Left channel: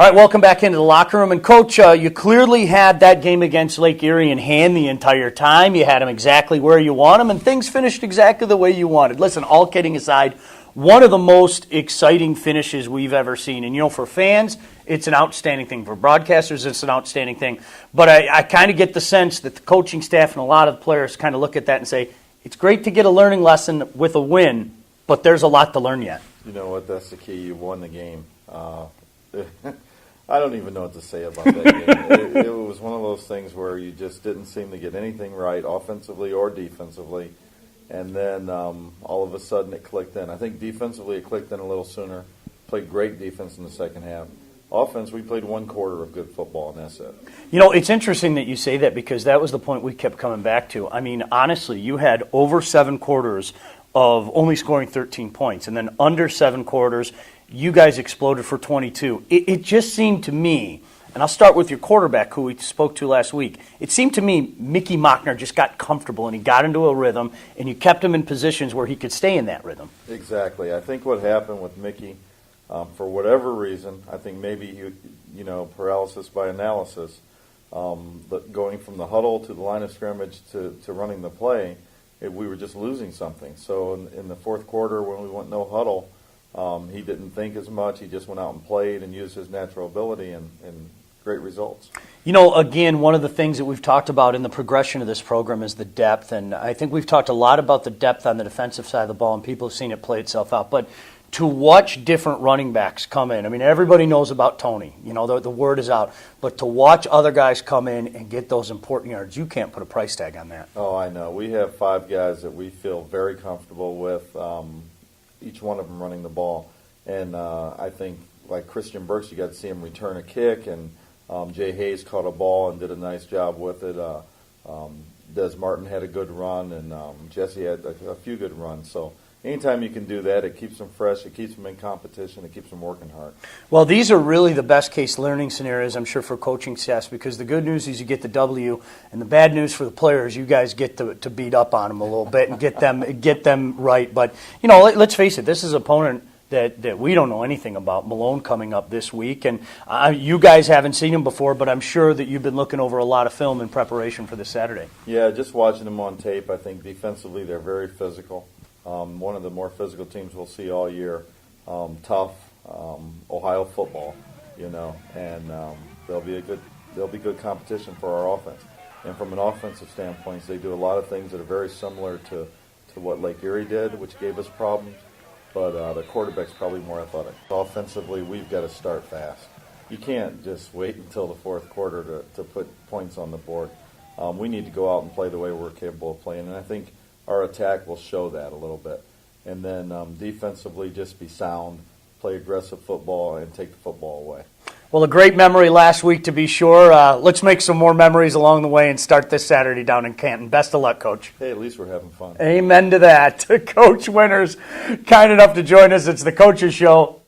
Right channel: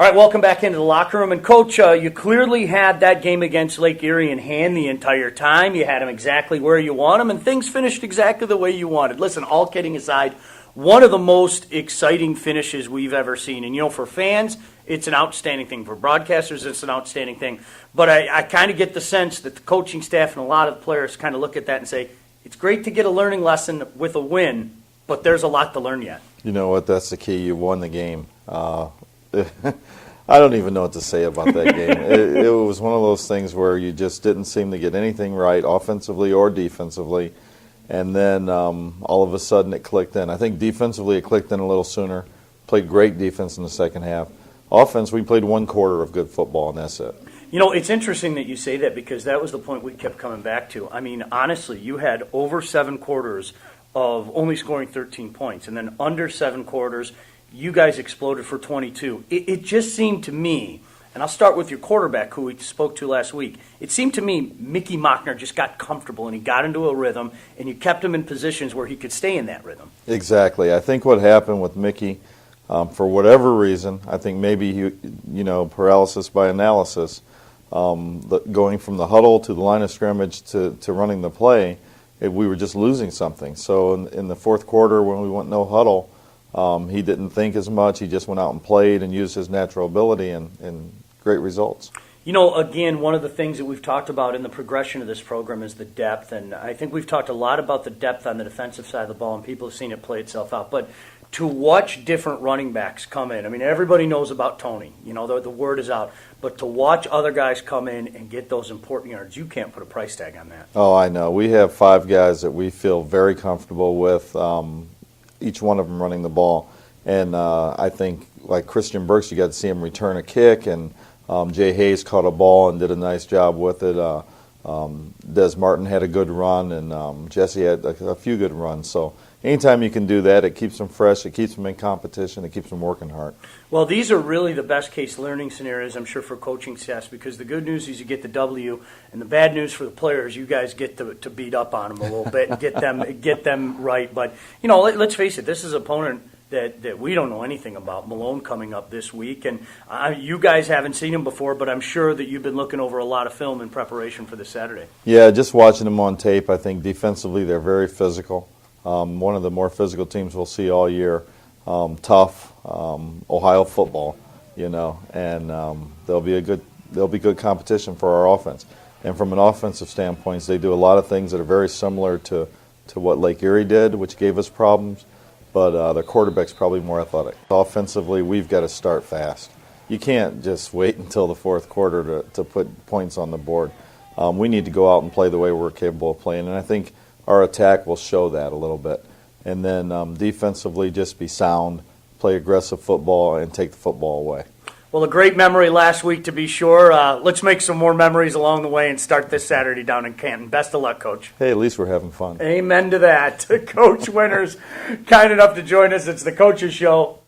All right, welcome back into the locker room. And, Coach, you clearly had that game against Lake Erie in hand the entire time. You had them exactly where you want them, and things finished exactly the way you wanted. Listen, all kidding aside, one of the most exciting finishes we've ever seen. And, for fans, it's an outstanding thing. For broadcasters, it's an outstanding thing. But I kind of get the sense that the coaching staff and a lot of the players kind of look at that and say, it's great to get a learning lesson with a win, but there's a lot to learn yet. You know what? That's the key. You won the game. I don't even know what to say about that game. It was one of those things where you just didn't seem to get anything right, offensively or defensively, and then all of a sudden it clicked in. I think defensively it clicked in a little sooner. Played great defense in the second half. Offense, we played one quarter of good football, and that's it. It's interesting that you say that because that was the point we kept coming back to. I mean, honestly, you had over 7 quarters of only scoring 13 points, and then under 7 quarters, you guys exploded for 22. It just seemed to me, and I'll start with your quarterback who we spoke to last week, it seemed to me Mickey Mockner just got comfortable and he got into a rhythm and you kept him in positions where he could stay in that rhythm. Exactly. I think what happened with Mickey, for whatever reason, I think maybe he, paralysis by analysis, going from the huddle to the line of scrimmage to running the play, we were just losing something. So in the fourth quarter when we went no huddle, he didn't think as much. He just went out and played and used his natural ability and great results. Again, one of the things that we've talked about in the progression of this program is the depth, and I think we've talked a lot about the depth on the defensive side of the ball, and people have seen it play itself out. But to watch different running backs come in, I mean, everybody knows about Tony. The word is out. But to watch other guys come in and get those important yards, you can't put a price tag on that. Oh, I know. We have 5 guys that we feel very comfortable with, each one of them running the ball. And I think, like Christian Burks, you got to see him return a kick, and Jay Hayes caught a ball and did a nice job with it. Des Martin had a good run, and Jesse had a few good runs. So anytime you can do that, it keeps them fresh, it keeps them in competition, it keeps them working hard. Well, these are really the best case learning scenarios, I'm sure, for coaching staffs, because the good news is you get the W, and the bad news for the players, you guys get to beat up on them a little bit and get them right. But, let's face it, this is an opponent that we don't know anything about, Malone coming up this week. And you guys haven't seen him before, but I'm sure that you've been looking over a lot of film in preparation for this Saturday. Yeah, just watching them on tape, I think defensively they're very physical. One of the more physical teams we'll see all year. Tough, Ohio football, and they'll be good competition for our offense. And from an offensive standpoint, they do a lot of things that are very similar to what Lake Erie did, which gave us problems. But the quarterback's probably more athletic. Offensively, we've got to start fast. You can't just wait until the fourth quarter to put points on the board. We need to go out and play the way we're capable of playing, and I think our attack will show that a little bit. And then defensively, just be sound, play aggressive football, and take the football away. Well, a great memory last week, to be sure. Let's make some more memories along the way and start this Saturday down in Canton. Best of luck, Coach. Hey, at least we're having fun. Amen to that. Coach Winters, kind enough to join us. It's the Coaches Show.